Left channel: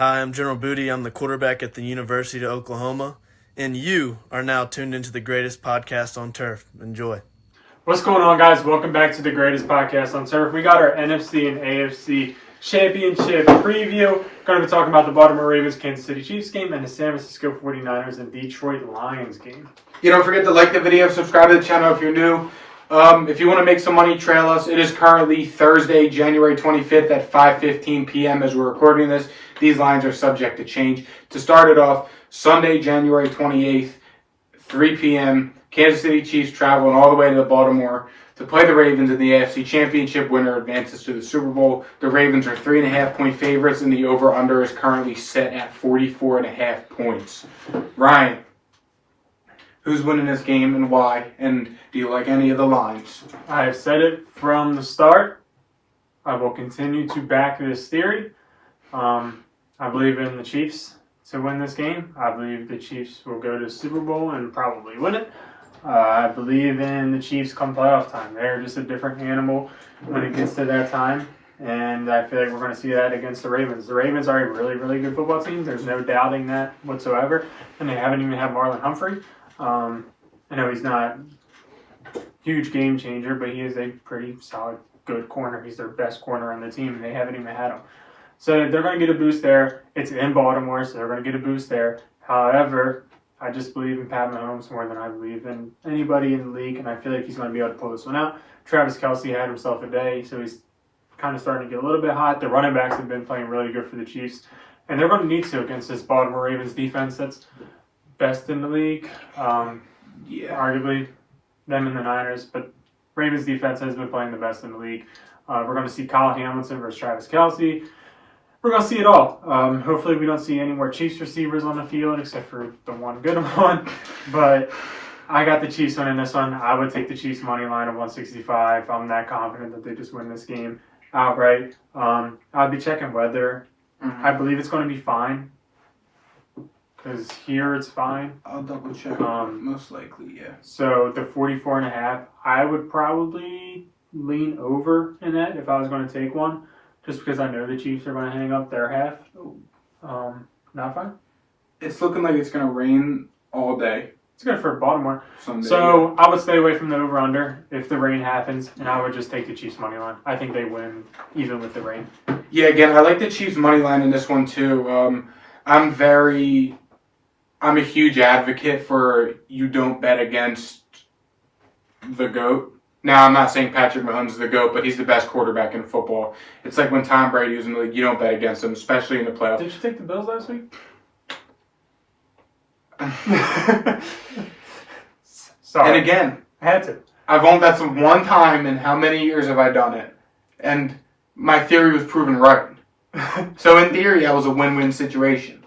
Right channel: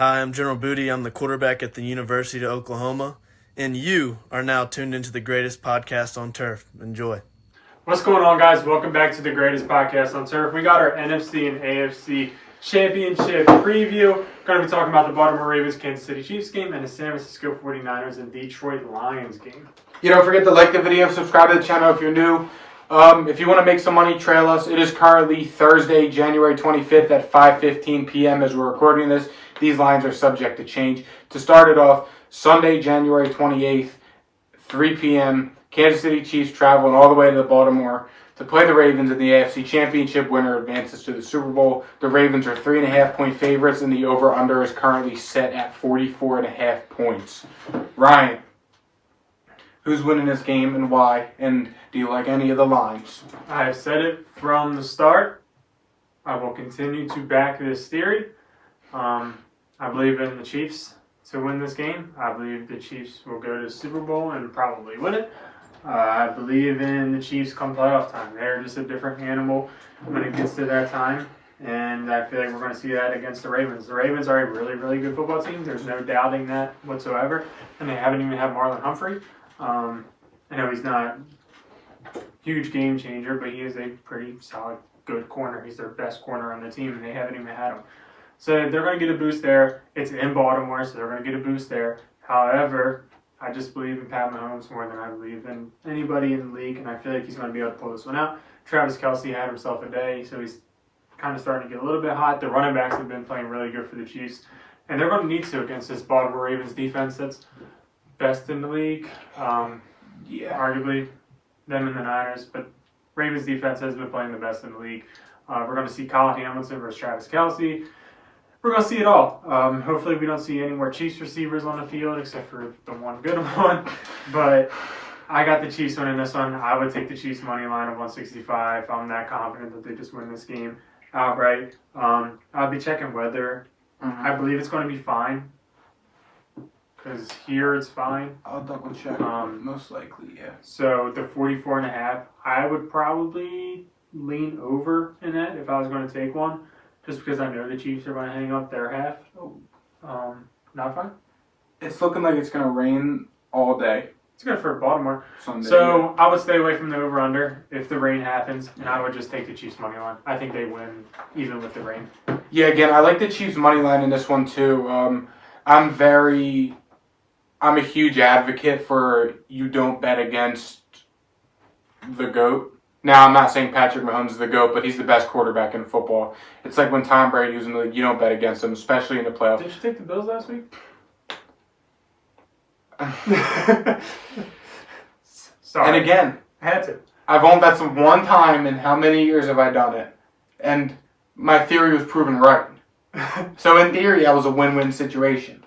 Hi, I'm General Booty. I'm the quarterback at the University of Oklahoma, and you are now tuned into the greatest podcast on turf. Enjoy. What's going on, guys? Welcome back to the greatest podcast on turf. We got our NFC and AFC championship preview. Going to be talking about the Baltimore Ravens, Kansas City Chiefs game, and the San Francisco 49ers and Detroit Lions game. Don't forget to like the video, subscribe to the channel if you're new. If you want to make some money, trail us. It is currently Thursday, January 25th at 5:15 p.m. as we're recording this. These lines are subject to change. To start it off, Sunday, January 28th, 3 p.m., Kansas City Chiefs traveling all the way to Baltimore to play the Ravens in the AFC Championship. Winner advances to the Super Bowl. The Ravens are 3.5-point favorites, and the over-under is currently set at 44.5 points. Ryan, who's winning this game and why? And do you like any of the lines? I have said it from the start. I will continue to back this theory. I believe in the Chiefs to win this game. I believe the Chiefs will go to the Super Bowl and probably win it. I believe in the Chiefs come playoff time. They're just a different animal when it gets to that time. And I feel like we're going to see that against the Ravens. The Ravens are a really, really good football team. There's no doubting that whatsoever. And they haven't even had Marlon Humphrey. I know he's not a huge game changer, but he is a pretty solid, good corner. He's their best corner on the team, and they haven't even had him. So they're going to get a boost there. It's in Baltimore, so they're going to get a boost there. However, I just believe in Pat Mahomes more than I believe in anybody in the league, and I feel like he's going to be able to pull this one out. Travis Kelce had himself a day, so he's kind of starting to get a little bit hot. The running backs have been playing really good for the Chiefs, and they're going to need to against this Baltimore Ravens defense that's best in the league. Arguably them and the Niners, but Ravens defense has been playing the best in the league. We're going to see Kyle Hamilton versus Travis Kelce. We're going to see it all. Hopefully we don't see any more Chiefs receivers on the field except for the one good one. But I got the Chiefs winning this one. I would take the Chiefs money line of 165. I'm that confident that they just win this game outright. I'll be checking weather. I believe it's going to be fine. Because here it's fine. I'll double check. Most likely, yeah. So the 44.5, I would probably lean over in that if I was going to take one. Just because I know the Chiefs are going to hang up their half. Not fine. It's looking like it's going to rain all day. It's good for Baltimore. Sunday. So I would stay away from the over-under if the rain happens, and I would just take the Chiefs money line. I think they win even with the rain. Yeah, again, I like the Chiefs money line in this one too. I'm a huge advocate for you don't bet against the GOAT. Now, I'm not saying Patrick Mahomes is the GOAT, but he's the best quarterback in football. It's like when Tom Brady was in the league, you don't bet against him, especially in the playoffs. Did you take the Bills last week? Sorry. And again, I had to. that's one time in how many years have I done it? And my theory was proven right. So in theory, that was a win-win situation.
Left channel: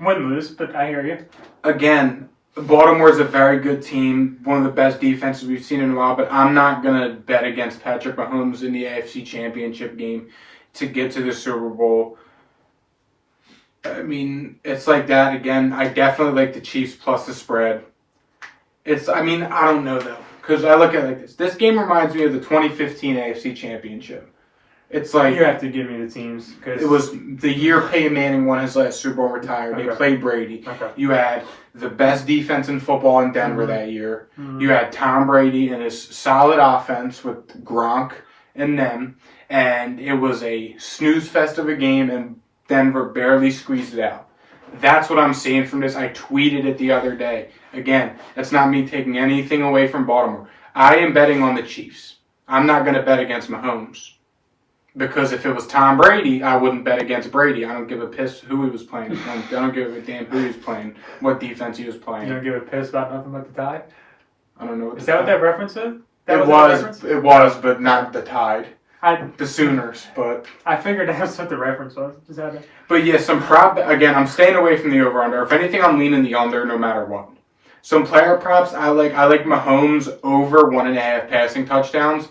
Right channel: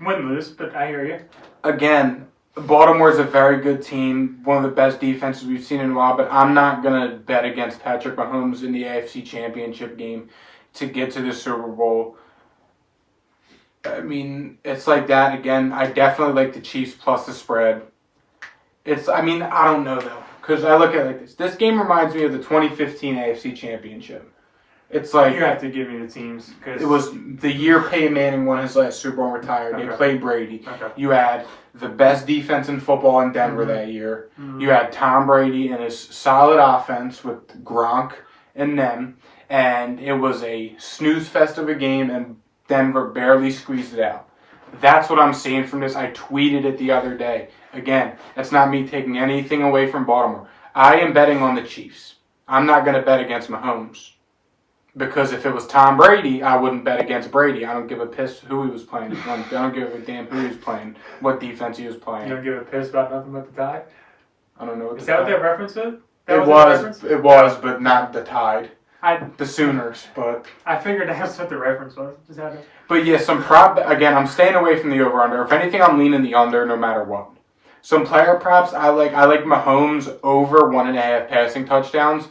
Win-lose, but I hear you. Again, Baltimore's a very good team, one of the best defenses we've seen in a while, but I'm not going to bet against Patrick Mahomes in the AFC Championship game to get to the Super Bowl. I mean, it's like that. Again, I definitely like the Chiefs plus the spread. I don't know, though, because I look at it like this. This game reminds me of the 2015 AFC Championship. It's like you have to give me the teams. Cause it was the year Peyton Manning won his last Super Bowl and retired. Okay. He played Brady. Okay. You had the best defense in football in Denver that year. You had Tom Brady and his solid offense with Gronk and them. And it was a snooze fest of a game, and Denver barely squeezed it out. That's what I'm seeing from this. I tweeted it the other day. Again, that's not me taking anything away from Baltimore. I am betting on the Chiefs. I'm not going to bet against Mahomes. Because if it was Tom Brady, I wouldn't bet against Brady. I don't give a piss who he was playing. I don't give a damn who he was playing, what defense he was playing. You don't give a piss about nothing but the Tide? I don't know what Is that what that reference is? It was, but not the Tide. The Sooners, but I figured that's what the reference was. Just had it. But yeah, again, I'm staying away from the over-under. If anything, I'm leaning the under no matter what. Some player props, I like Mahomes over 1.5 passing touchdowns.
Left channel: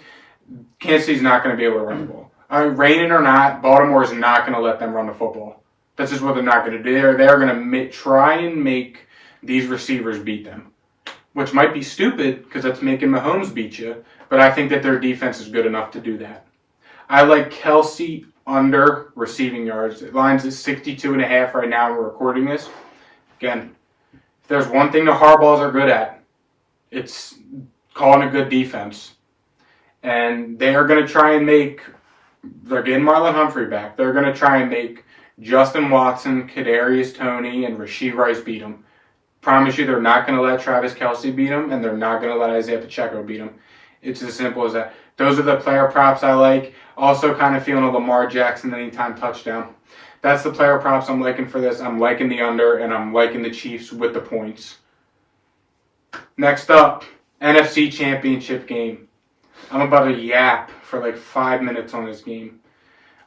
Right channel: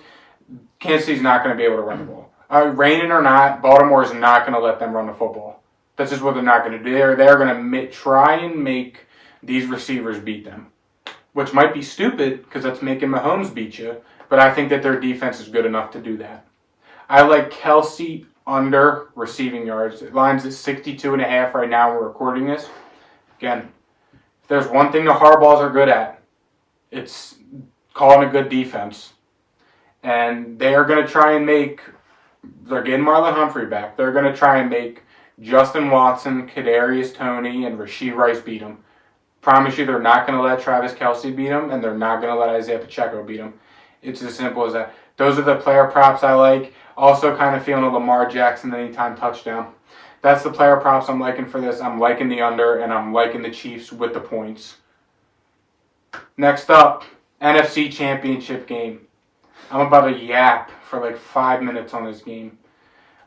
Kansas City's not going to be able to run the ball. Raining or not, Baltimore is not going to let them run the football. That's just what they're not going to do. They're going to try and make these receivers beat them, which might be stupid because that's making Mahomes beat you, but I think that their defense is good enough to do that. I like Kelce under receiving yards. The line's at 62.5 right now. We're recording this. Again, if there's one thing the Harbaughs are good at, it's calling a good defense. And they are going to try and they're getting Marlon Humphrey back. They're going to try and make Justin Watson, Kadarius Toney, and Rashee Rice beat them. Promise you they're not going to let Travis Kelce beat them, and they're not going to let Isaiah Pacheco beat them. It's as simple as that. Those are the player props I like. Also kind of feeling a Lamar Jackson anytime touchdown. That's the player props I'm liking for this. I'm liking the under, and I'm liking the Chiefs with the points. Next up, NFC Championship game. I'm about to yap for like 5 minutes on this game.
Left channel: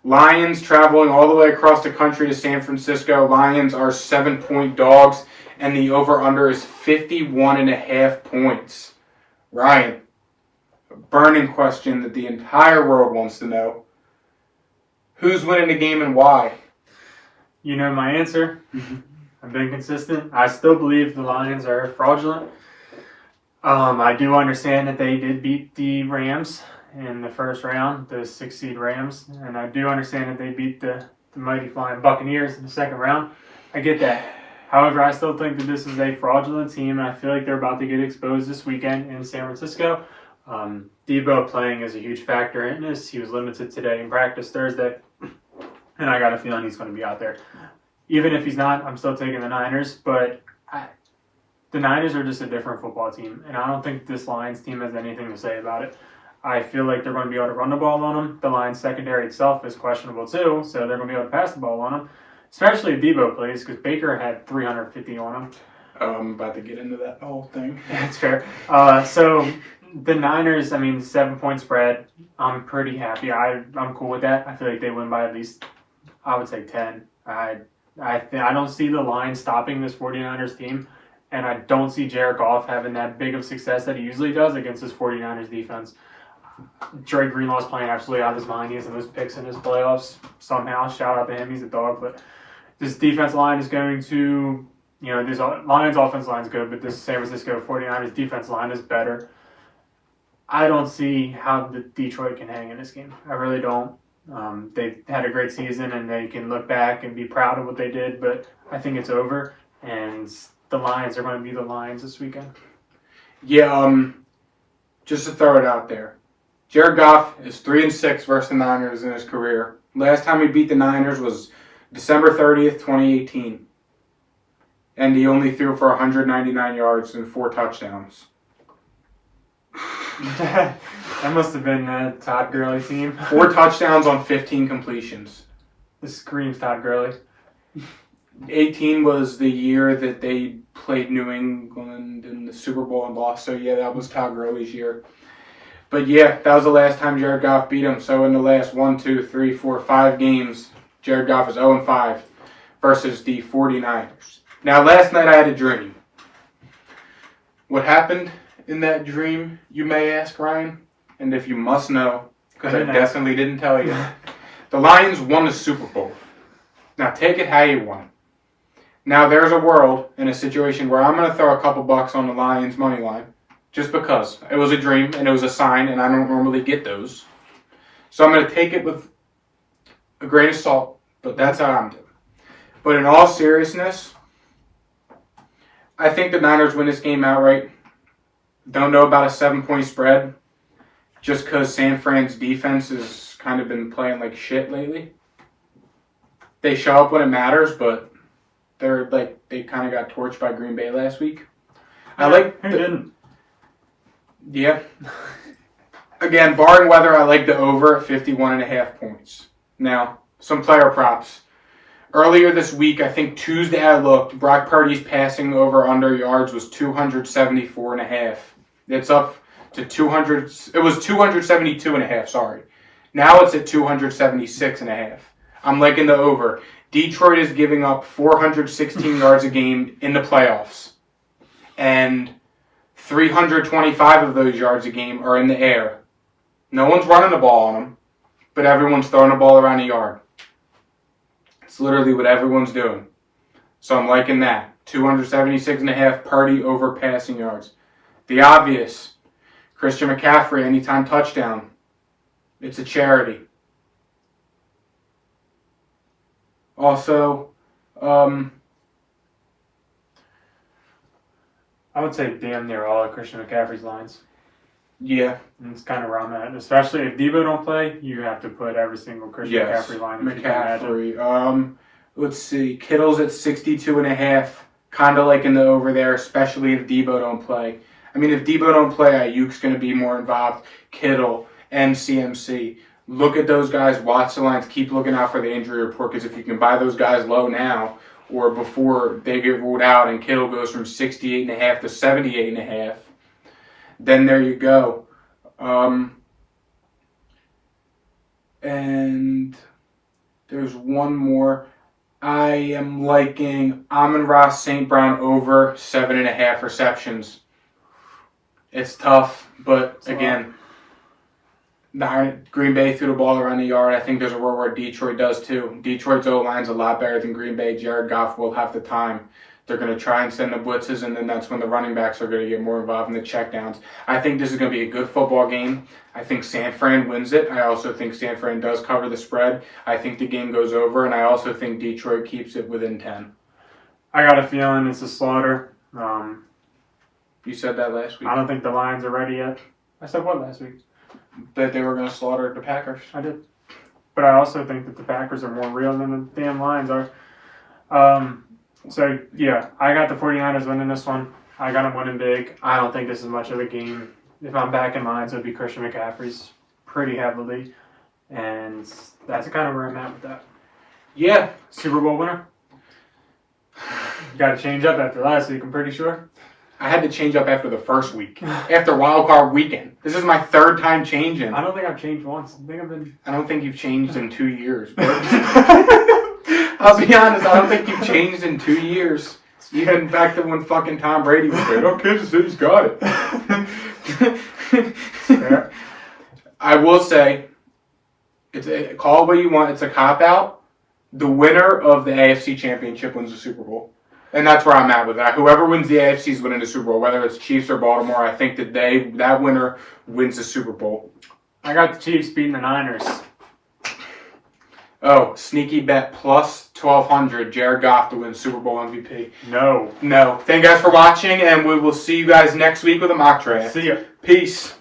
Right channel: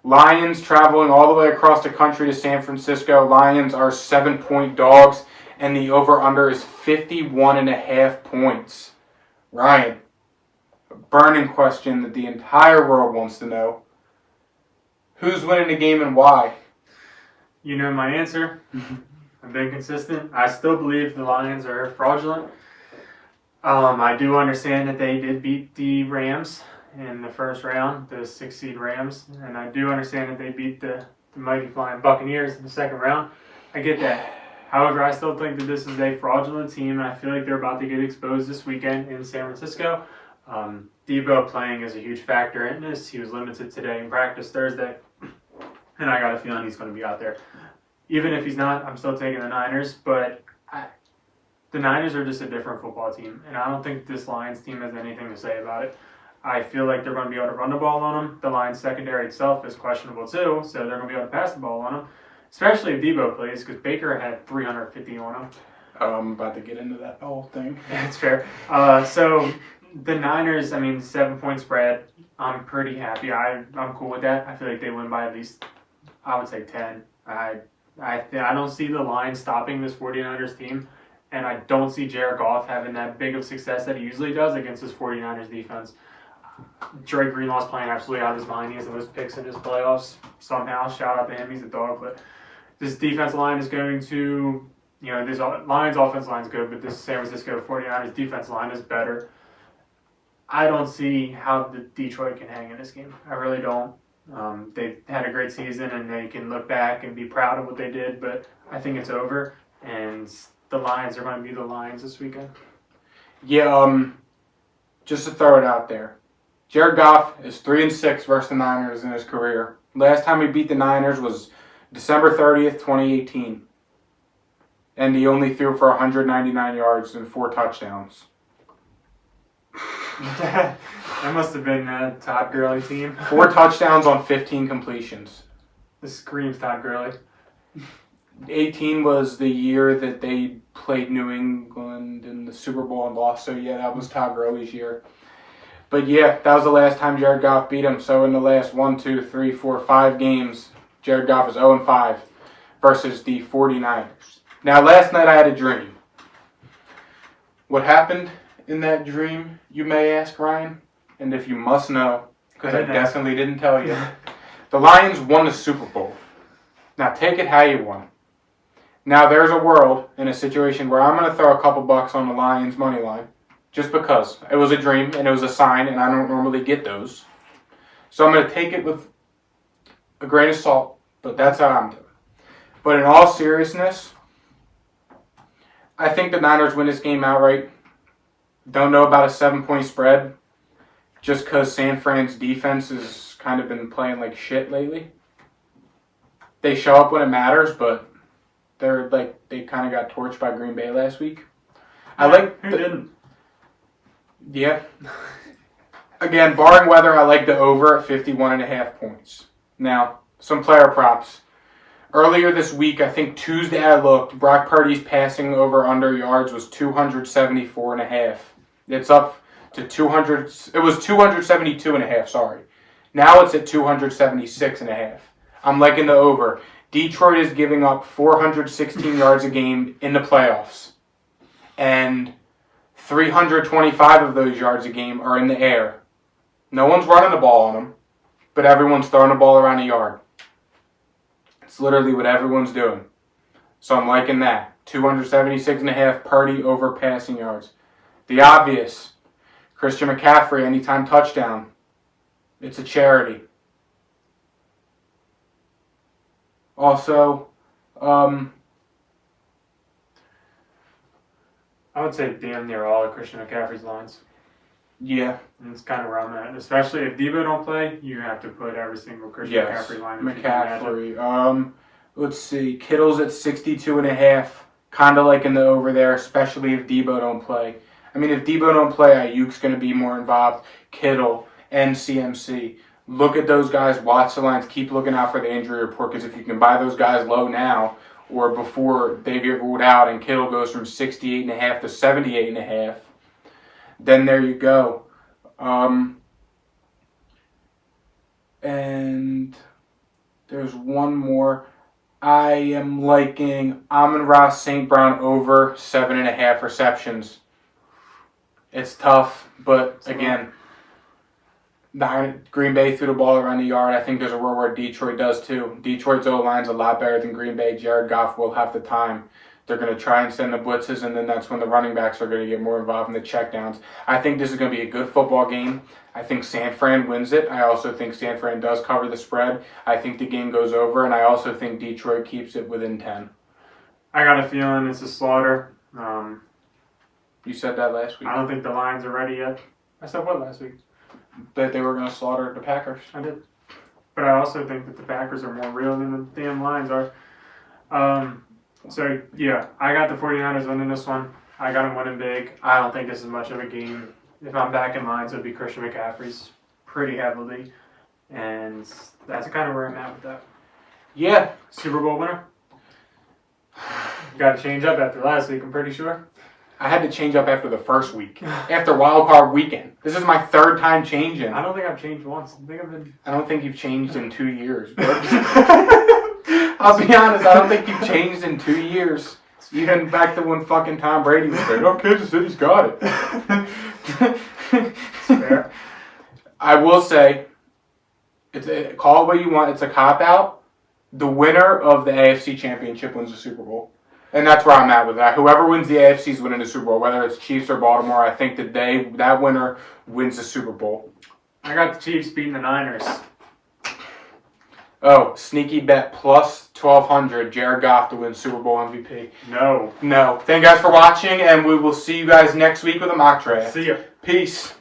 Lions traveling all the way across the country to San Francisco. Lions are 7-point dogs, and the over-under is 51.5 points. Ryan, a burning question that the entire world wants to know. Who's winning the game and why? You know my answer. I've been consistent. I still believe the Lions are fraudulent. I do understand that they did beat the Rams in the first round, the 6-seed Rams, and I do understand that they beat the mighty flying Buccaneers in the second round. I get that. However, I still think that this is a fraudulent team, and I feel like they're about to get exposed this weekend in San Francisco. Debo playing is a huge factor in this. He was limited today in practice Thursday, and I got a feeling he's going to be out there. Even if he's not, I'm still taking the Niners, but the Niners are just a different football team, and I don't think this Lions team has anything to say about it. I feel like they're going to be able to run the ball on them. The Lions secondary itself is questionable too, so they're going to be able to pass the ball on them, especially if Debo plays, because Baker had 350 on him. I'm about to get into that whole thing. That's fair. So the Niners, 7-point spread, I'm pretty happy. I'm cool with that. I feel like they win by at least, I would say 10. I don't see the Lions stopping this 49ers team. And I don't see Jared Goff having that big of success that he usually does against his 49ers defense. Dre Greenlaw's playing absolutely out of his mind. He has the most picks in his playoffs somehow. Shout out to him. He's a dog. But this defense line is going to, this Lions offense line is good, but this San Francisco 49ers defense line is better. I don't see how the Detroit can hang in this game. I really don't. They had a great season, and they can look back and be proud of what they did, but I think it's over. And the Lions are going to be the Lions this weekend. Yeah, just to throw it out there. Jared Goff is 3-6 versus the Niners in his career. Last time he beat the Niners was December 30th, 2018. And he only threw for 199 yards and 4 touchdowns. That must have been the Todd Gurley team. 4 touchdowns on 15 completions. This screams Todd Gurley. 18 was the year that they played New England in the Super Bowl and lost. So, yeah, that was Todd Gurley's year. But, yeah, that was the last time Jared Goff beat him. So, in the last 5 games, Jared Goff is 0-5 versus the 49ers. Now, last night I had a dream. What happened in that dream, you may ask, Ryan? And if you must know, because I definitely didn't tell you. The Lions won the Super Bowl. Now, take it how you want. Now, there's a world in a situation where I'm going to throw a couple bucks on the Lions money line just because. It was a dream and it was a sign, and I don't normally get those. So I'm going to take it with a grain of salt, but that's how I'm doing. But in all seriousness, I think the Niners win this game outright. Don't know about a 7-point spread just because San Fran's defense has kind of been playing like shit lately. They show up when it matters, but they kind of got torched by Green Bay last week. Who didn't? Yeah. Again, barring weather, I like the over at 51.5 points. Now, some player props. Earlier this week, I think Tuesday I looked, Brock Purdy's passing over under yards was 274.5. It's up to 200. It was 272.5, sorry. Now it's at 276.5. I'm liking the over. Detroit is giving up 416 yards a game in the playoffs. And 325 of those yards a game are in the air. No one's running the ball on them, but everyone's throwing the ball around the yard. It's literally what everyone's doing. So I'm liking that. 276.5 Purdy over passing yards. The obvious, Christian McCaffrey, anytime touchdown. It's a charity. Also, I would say damn near all of Christian McCaffrey's lines. yeah. And it's kind of where I'm at. Especially if Debo don't play, you have to put every single Christian McCaffrey line. If you can imagine. McCaffrey. Let's see. Kittle's at 62.5. Kind of like in the over there, especially if Debo don't play. I mean, if Debo don't play, Ayuk's going to be more involved. Kittle and CMC. Look at those guys. Watch the lines. Keep looking out for the injury report, because if you can buy those guys low now or before they get ruled out and Kittle goes from 68.5 to 78.5, then there you go. And there's one more. I am liking Amon-Ra St. Brown over 7.5 receptions. It's tough, but again, Green Bay threw the ball around the yard. I think there's a world where Detroit does too. Detroit's O-line's a lot better than Green Bay. Jared Goff will have the time. They're going to try and send the blitzes, and then that's when the running backs are going to get more involved in the checkdowns. I think this is going to be a good football game. I think San Fran wins it. I also think San Fran does cover the spread. I think the game goes over, and I also think Detroit keeps it within 10. I got a feeling it's a slaughter. You said that last week. I don't think the Lions are ready yet. I said what last week? That they were going to slaughter the Packers. I did. But I also think that the Packers are more real than the damn Lions are. So, yeah, I got the 49ers winning this one. I got them winning big. I don't think this is much of a game. If I'm back in lines, it would be Christian McCaffrey's pretty heavily. And that's kind of where I'm at with that. Yeah. Super Bowl winner. Got to change up after last week, I'm pretty sure. I had to change up after the first week. After Wild Card Weekend. This is my third time changing. I don't think I've changed once. I don't think you've changed in 2 years. I'll be honest, I don't think you've changed in 2 years. Even back to when fucking Tom Brady was there. Oh, Kansas City's got it. Fair. I will say, call it what you want. It's a cop-out. The winner of the AFC Championship wins the Super Bowl. And that's where I'm at with that. Whoever wins the AFC is winning the Super Bowl. Whether it's Chiefs or Baltimore, I think that winner wins the Super Bowl. I got the Chiefs beating the Niners. Oh, sneaky bet plus 1,200. Jared Goff to win Super Bowl MVP. No. Thank you guys for watching, and we will see you guys next week with a mock draft. See ya. Peace.